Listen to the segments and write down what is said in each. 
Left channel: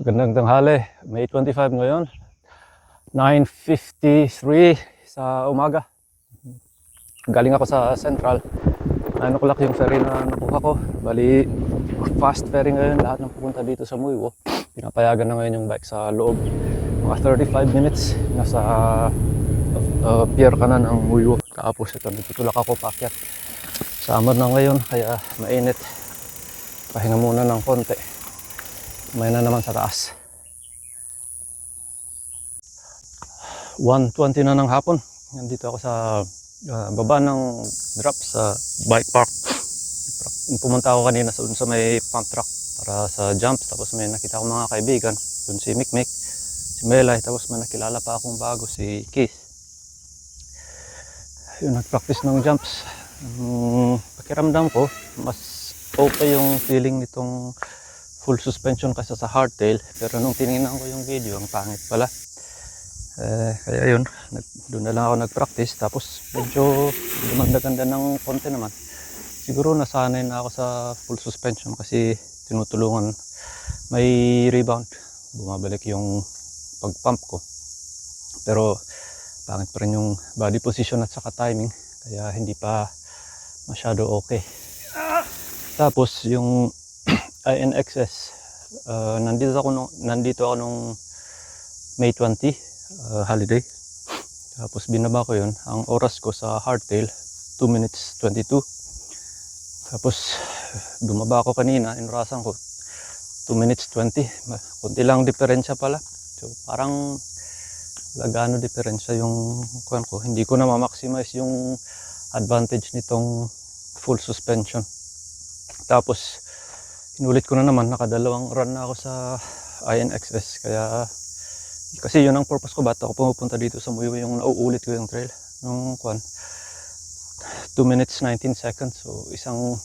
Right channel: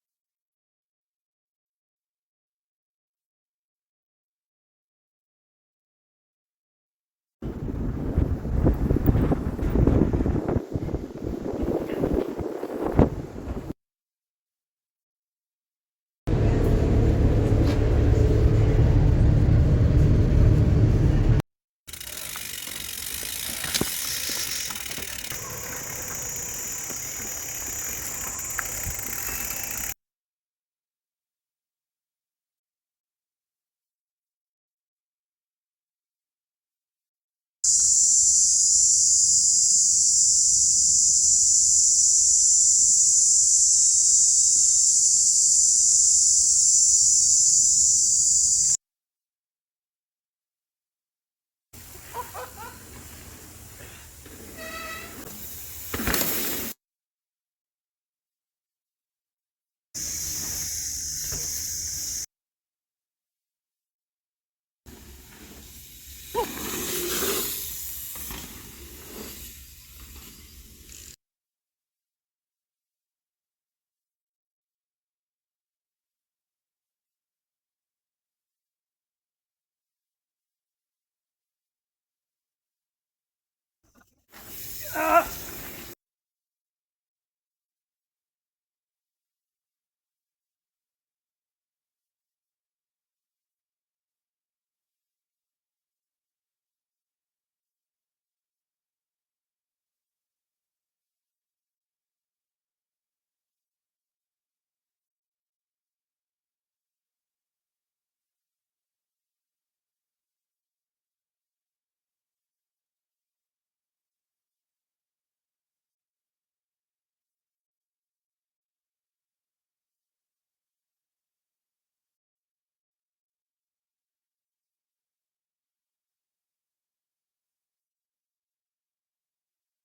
Magandang tanghali, May 25 ngayon, 9:53 sa umaga. Galing ako sa Central, 9 o'clock yung ferry na nakuha ko. Bali, fast ferry ngayon, lahat ng pupunta dito sa Muiwo. Pinapayagan na ngayon yung bike sa loob. Mga 35 minutes, nasa pier ka na ng Muiwo. Tapos ito, nagtutulak ako paakyat. Summer na ngayon, kaya mainit. Pahinga muna ng konti. May na naman sa taas. 1:20 na ng hapon. Nandito ako sa baba ng drop sa bike park. Pumunta ako kanina sa may pump truck para sa jump. Tapos may nakita akong mga kaibigan. Doon si Mikmik, si Melay. Tapos may nakilala pa akong bago, si Keith. Yun, nag-practice ng jumps. Pakiramdam ko, mas okay yung feeling nitong full suspension kaysa sa hardtail. Pero nung tinignan ko yung video, ang pangit pala. Kaya yun, doon na lang ako nag-practice. Tapos medyo maganda ng konti naman. Siguro nasanay na ako sa full suspension kasi tinutulungan. May rebound, bumabalik yung pag-pump ko. Pero pangit pa rin yung body position at saka timing. Kaya hindi pa masyado okay. Tapos yung INXS, nandito ako nung May 20, holiday. Tapos binaba ko yun. Ang oras ko sa hardtail, 2 minutes 22. Tapos bumaba ako kanina, inurasan ko 2 minutes 20. Kunti lang diferensya pala. So parang lagano diferensya yung kuwan ko. Hindi ko na ma-maximize yung advantage nitong full suspension. Tapos inulit ko na naman, nakadalawang run na ako sa INXS. Kasi yun ang purpose ko, ba't ako pumupunta dito sa Muiwo, yung nauulit ko yung trail nung 2 minutes 19 seconds. So isang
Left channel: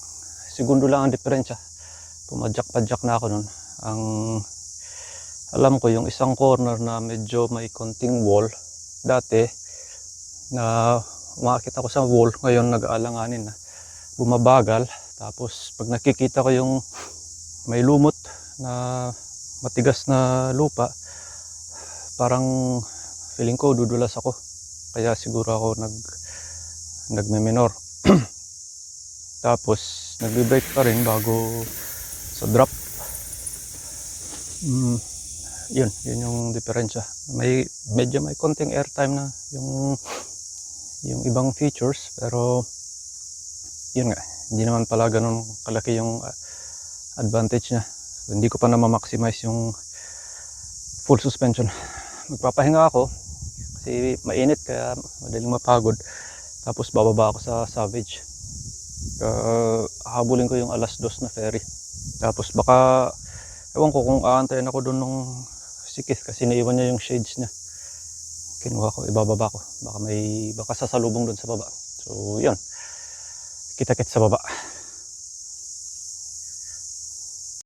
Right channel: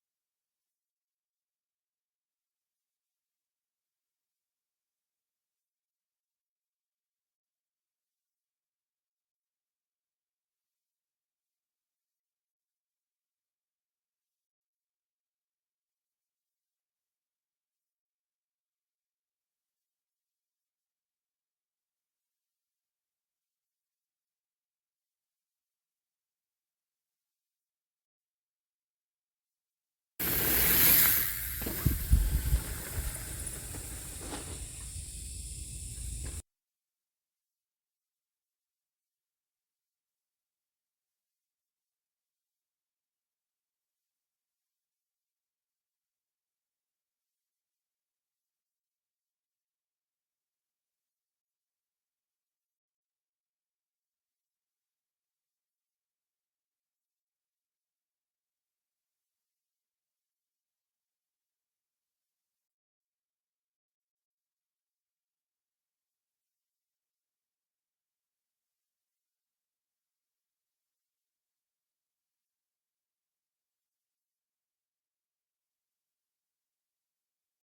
segundo lang ang diferensya. Pumadyak-padyak na ako nun. Ang alam ko yung isang corner na medyo may konting wall, dati na umakit ako sa wall, ngayon nag-aalanganin na, bumabagal. Tapos pag nakikita ko yung may lumot na matigas na lupa, parang feeling ko dudulas ako. Kaya siguro ako nagme-minor. Tapos nagbe-brake pa rin bago sa drop. Yun yung diferensya. Medyo may konting airtime na yung ibang features, pero yun nga, hindi naman pala ganun kalaki yung advantage niya. So, hindi ko pa na ma-maximize yung full suspension. Magpapahinga ako kasi mainit, kaya madaling mapagod. Tapos bababa ako sa Savage. Habulin ko yung 2:00 na ferry. Tapos baka ewan ko kung aantayin ako doon nung sikith kasi naiwan niya yung shades niya. Kinuha ko, ibababa ko. Baka sasalubong doon sa baba. So yun, kita-kits sa baba.